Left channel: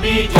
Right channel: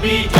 be.